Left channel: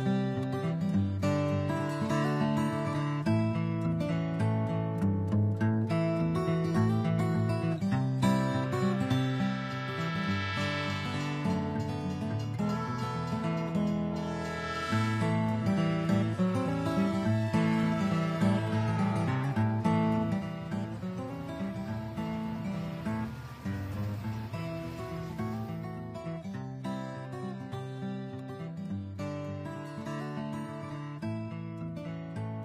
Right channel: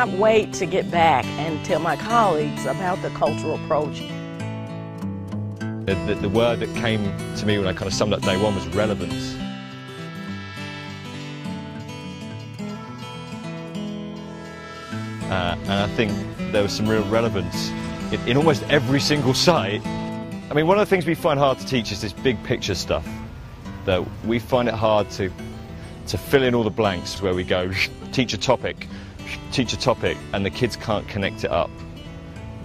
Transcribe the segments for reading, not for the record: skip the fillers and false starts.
cannot wait to get back and tell my colleagues about the cultural approach. The word that came to me when I kind of summed up day one was relevance. And I think there was some real relevance in almost every single site. I mean, one of the things we find hard to teach is this big picture stuff. That we find it hard to fill in all the blanks where we go, teach a topic, and the kids can't connect it up.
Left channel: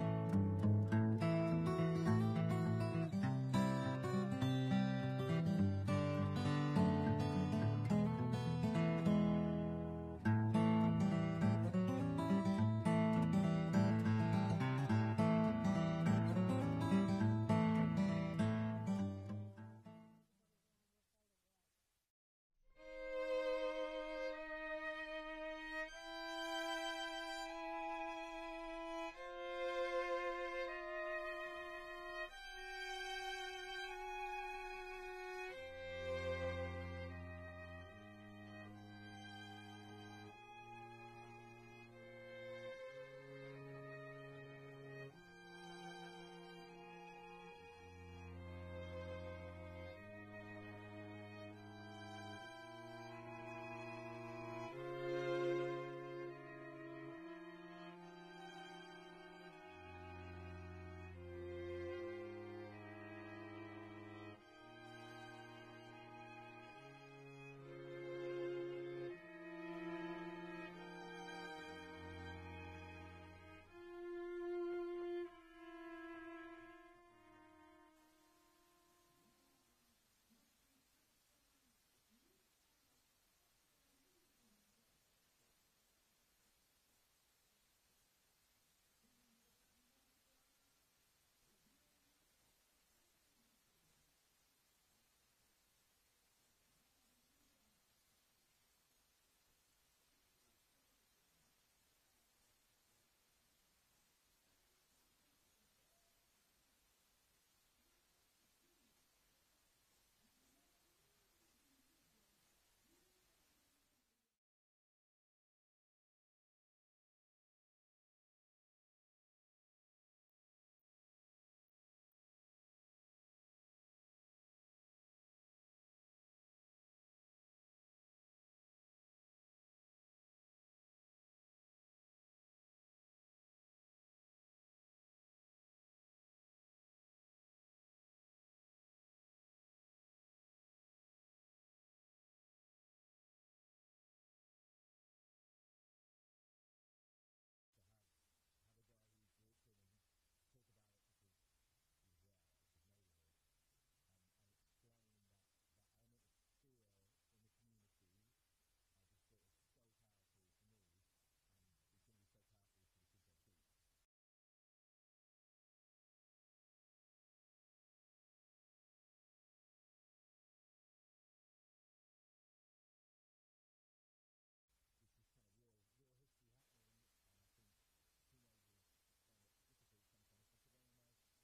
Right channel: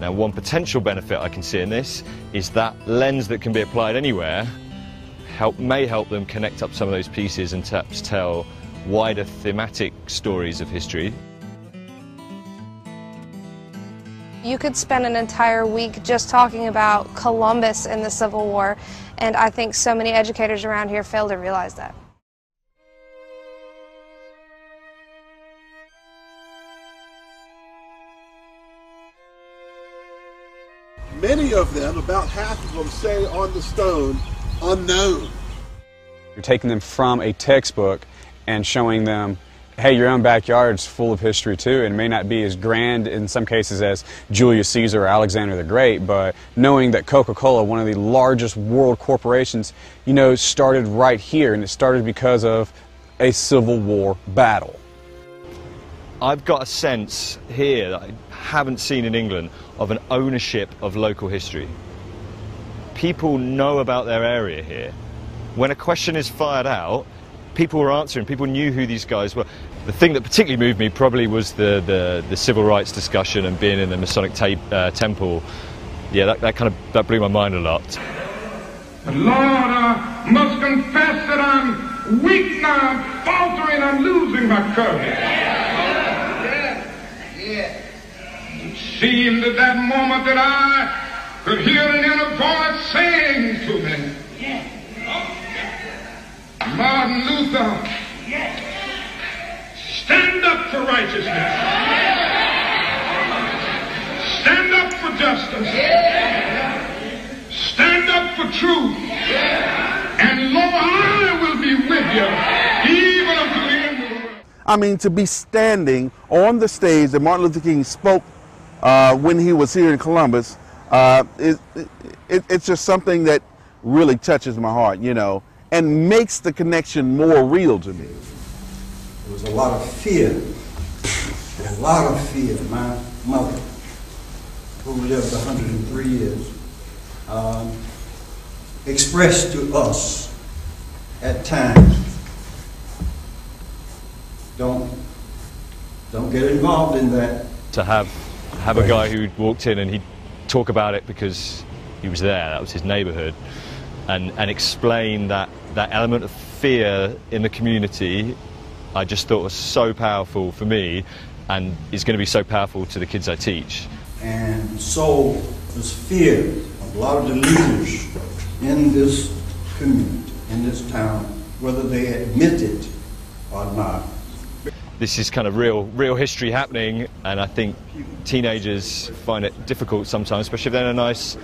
Now, one potential benefit I can see in this is that lens that can be applied anywhere may help them connect up some of those pieces and perhaps tell wider thematic stories of history. You could spend an entire week just talking about Columbus and the Civil War, and I think so many educators around here fail to realize that. Many of them, about half of them, say on the stone, unknown. You're taking them from a textbook and showing them, hey, your own backyard's full of history too, and it may not be as grand in some cases as Julius Caesar or Alexander the Great, but knowing that Coca-Cola, one of the largest world corporations, you know, started right here, and it started because of a Civil War battle. I've got a sense here that I haven't seen in England of an ownership of local history. People know about their area here. When a question is fired out, people were answering, people knew who these guys were. The thing that particularly moved me probably was the civil rights discussion and being in the Masonic temple. Yeah, that blew my mind a lot. But Lord, I must confess that I'm weak now, I'm faltering, I'm losing my courage. It seemed at that moment that I could hear an inner voice saying to me, Martin Luther, stand up for righteousness. Stand up for justice. Stand up for truth. And Lord, I will be with you even unto the end of the world. I mean, to be standing on the stage that Martin Luther King spoke when he was here in Columbus, it's just something that really touches my heart, you know, and makes the connection more real to me. There was a lot of fear, a lot of fear. My mother, who lived 103 years, expressed to us at times, don't get involved in that. To have a guy who walked in and he'd talk about it because he was there, that was his neighborhood, and explain that element of fear in the community, I just thought was so powerful for me and is going to be so powerful to the kids I teach. And so there's fear of a lot of the leaders in this community, in this town, whether they admit it or not. This is kind of real history happening, and I think teenagers find it difficult sometimes, especially if they're in a nice,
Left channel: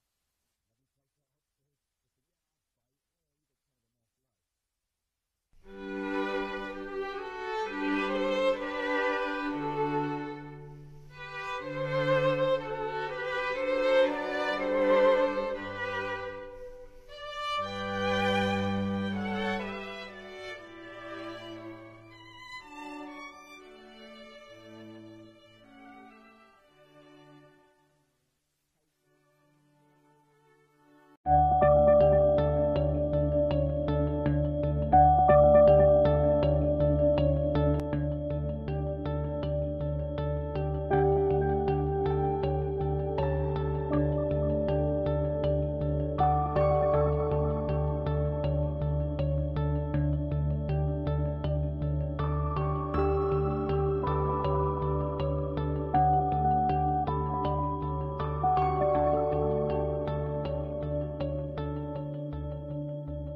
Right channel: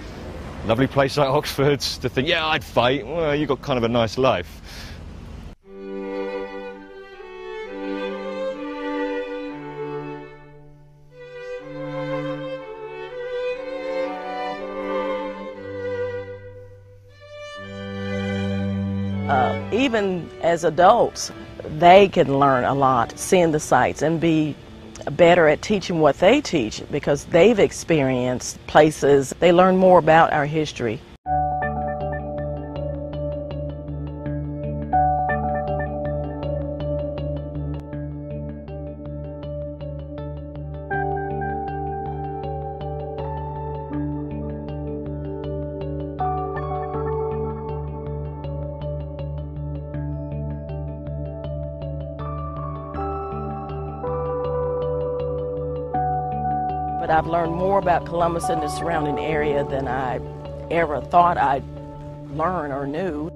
lovely place like Oxford, to think, yeah, I'd fight. Well, you've got kind of a nice life. Even as adults, they can learn a lot seeing the sites and be better at teaching what they teach because they've experienced places. They learn more about our history. But I've learned more about Columbus and the surrounding area than I ever thought I'd learn or knew.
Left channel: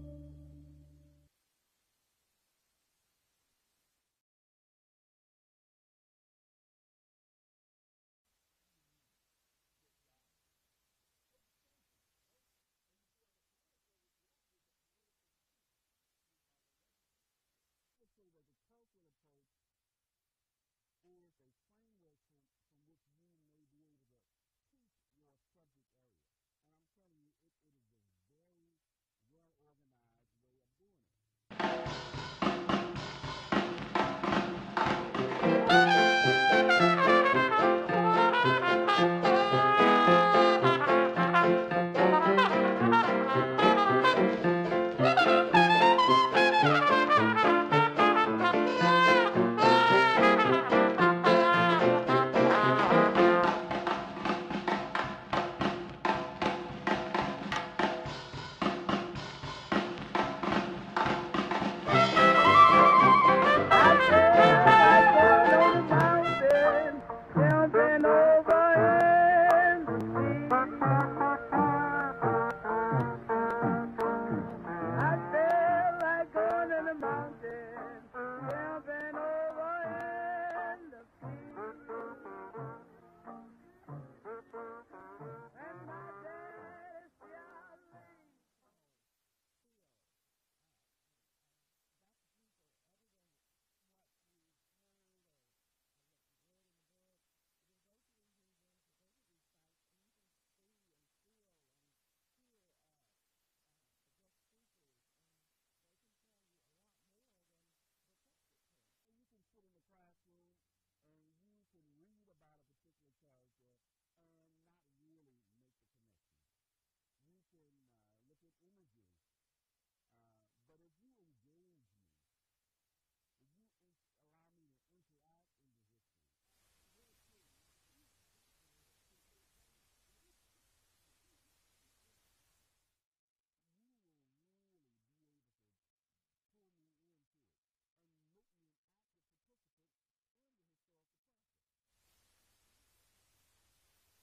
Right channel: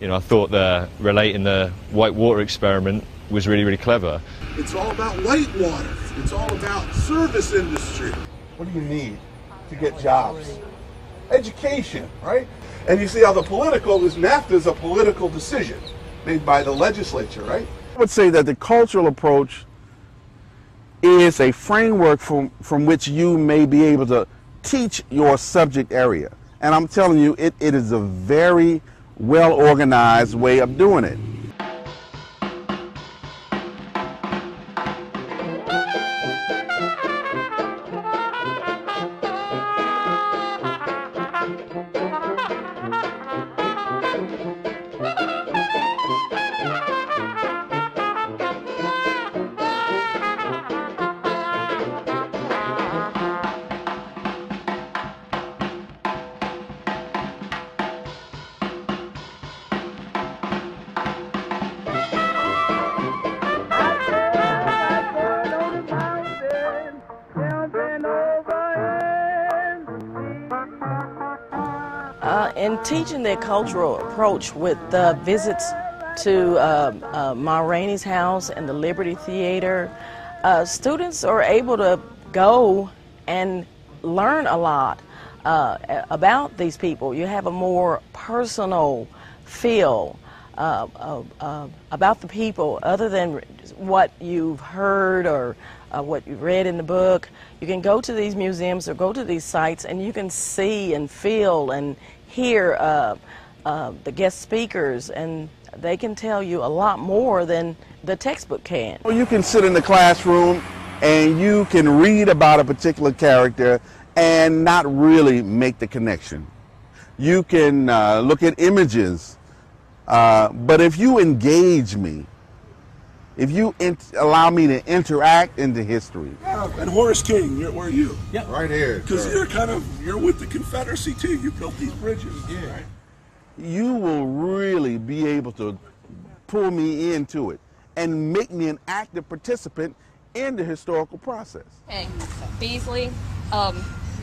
You know, I thought relating the white water experiment was really clever. It's all about whitewater. It's all about service industry. What do you need to get jobs? Education, right? And you see how the political is, NAFTA is a political decision made by the legislature, right? I would say that the cultural approach is a framework from which you may be able to teach your subject area. And I'm telling you, it is a very well organized way of doing it. In teaching their cultural approach with the visits to Ma Rainey's house and the Liberty Theater, students are able to go and learn a lot about these people. You have a more personal feel about the people other than what you've heard or what you've read in the book. You can go to these museums or go to these sites and you can see and feel and hear the guest speakers, and they can tell you a lot more than the textbook can. Well, you can sit in the classroom and you can read about a particular character and not really make the connection. You can look at images, but if you engage me, if you allow me to interact into history. And Horace King, where are you? Yeah, right here. Because you're with the Confederacy too. You built these bridges. Yeah. Right? You will really be able to pull me into it and make me an active participant in the historical process. Hey, Beasley,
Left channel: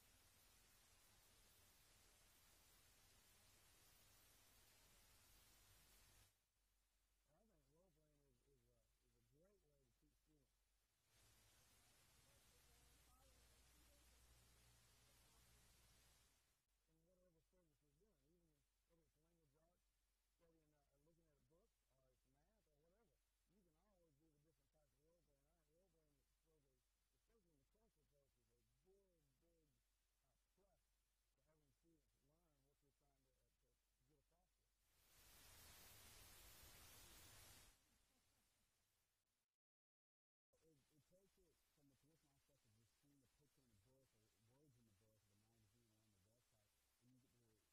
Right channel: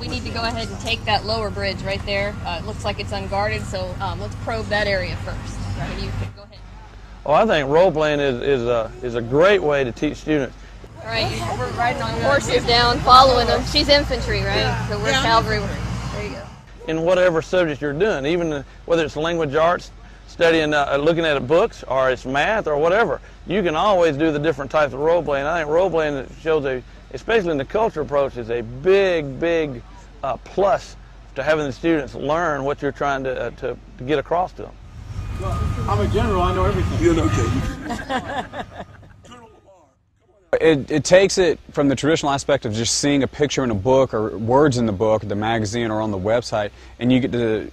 we need to go ahead and take that lower bridge right there. It looks like it's unguarded, so let's probe that area first. You can go ahead. Well, I think role-playing is a great way to teach students. All right, we're riding on horses down, following them. She's infantry, right? So we're cavalry. There you go. In whatever subject you're doing, even whether it's language arts, studying, looking at books, or it's math, or whatever, you can always do the different types of role-playing. I think role-playing shows, especially in the cultural approach, is a big plus to having the students learn what you're trying to get across to them. Well, I'm a general, I know everything. You know, okay. It takes it from the traditional aspect of just seeing a picture in a book or words in the book, the magazine, or on the website, and you get to,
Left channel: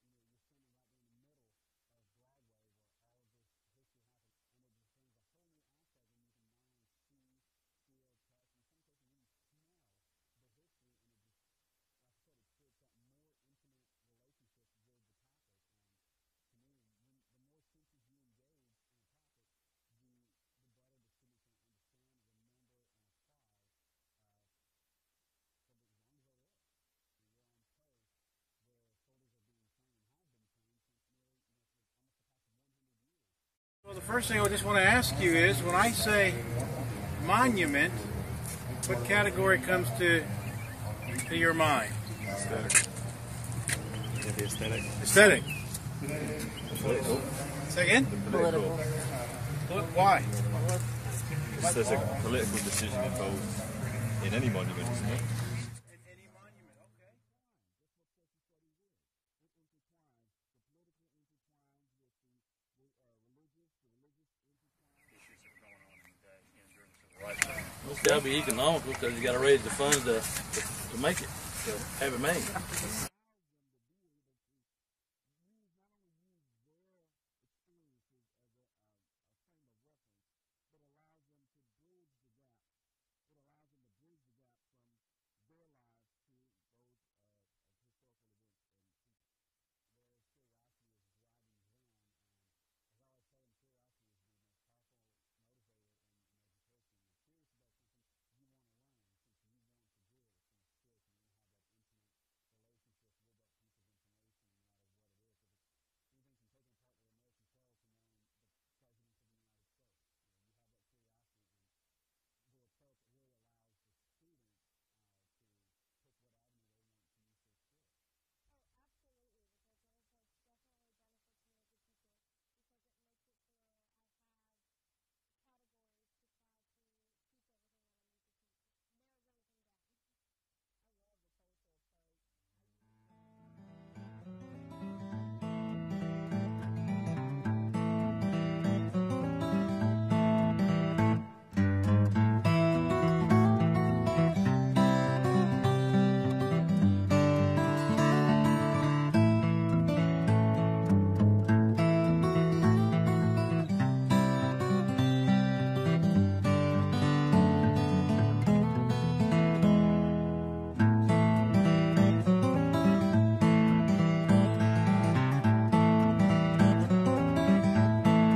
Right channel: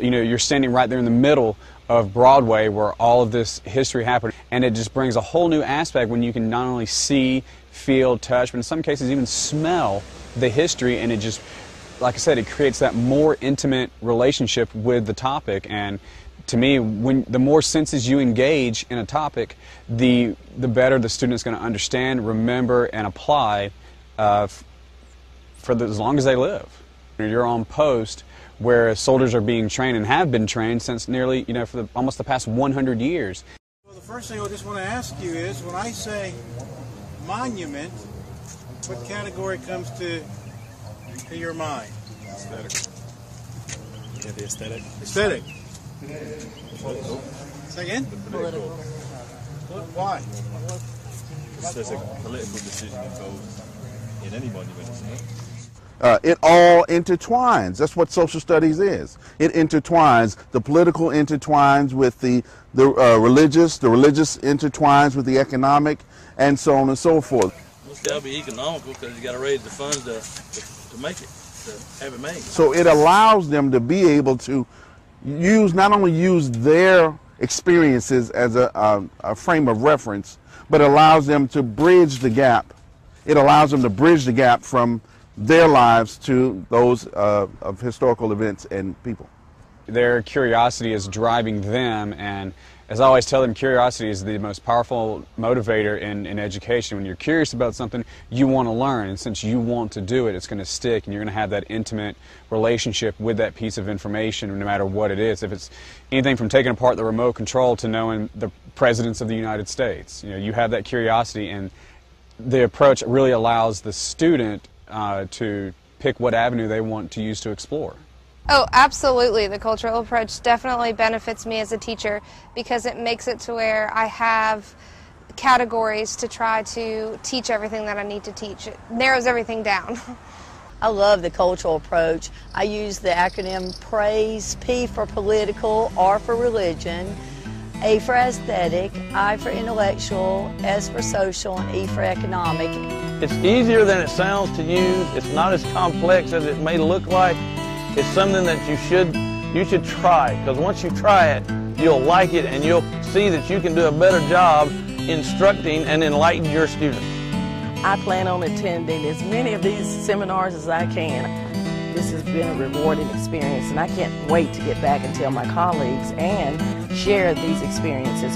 you're standing right there in the middle of Broadway where all of this history happened, and it just brings a whole new aspect when you can not only see, feel, touch, but in some cases even smell the history, and it just, like I said, it creates that more intimate relationship with the topic. And to me, the more senses you engage in a topic, the better the student is going to understand, remember, and apply as long as they live. You're on post where soldiers are being trained and have been trained since nearly, for almost the past 100 years. Well, the first thing I just want to ask you is, when I say monument, what category comes to your mind? Aesthetic. The aesthetic. Aesthetic. Second? Political. Why? There's a political decision involved in any monument, isn't it? It all intertwines. That's what social studies is. It intertwines. The political intertwines with the religious. The religious intertwines with the economic, and so on and so forth. It's got to be economical because you got to raise the funds to make it, to have it made. So it allows them to be able to not only use their experiences as a frame of reference, but allows them to bridge the gap. It allows them to bridge the gap from their lives to those of historical events and people. Their curiosity is driving them, and as I always tell them, curiosity is the most powerful motivator in education. When you're curious about something, you want to learn, and since you want to do it, it's going to stick, and you're going to have that intimate relationship with that piece of information, no matter what it is. If it's anything from taking apart the remote control to knowing the presidents of the United States, you have that curiosity, and the approach really allows the student to pick what avenue they want to use to explore. Oh, absolutely. The cultural approach definitely benefits me as a teacher because it makes it to where I have categories to try to teach everything that I need to teach. It narrows everything down. I love the cultural approach. I use the acronym PRAISE, P for political, R for religion, A for aesthetic, I for intellectual, S for social, and E for economic. It's easier than it sounds to use. It's not as complex as it may look like. It's something that you should try, because once you try it, you'll like it and you'll see that you can do a better job instructing and enlightening your students. I plan on attending as many of these seminars as I can. This has been a rewarding experience, and I can't wait to get back and tell my colleagues and share these experiences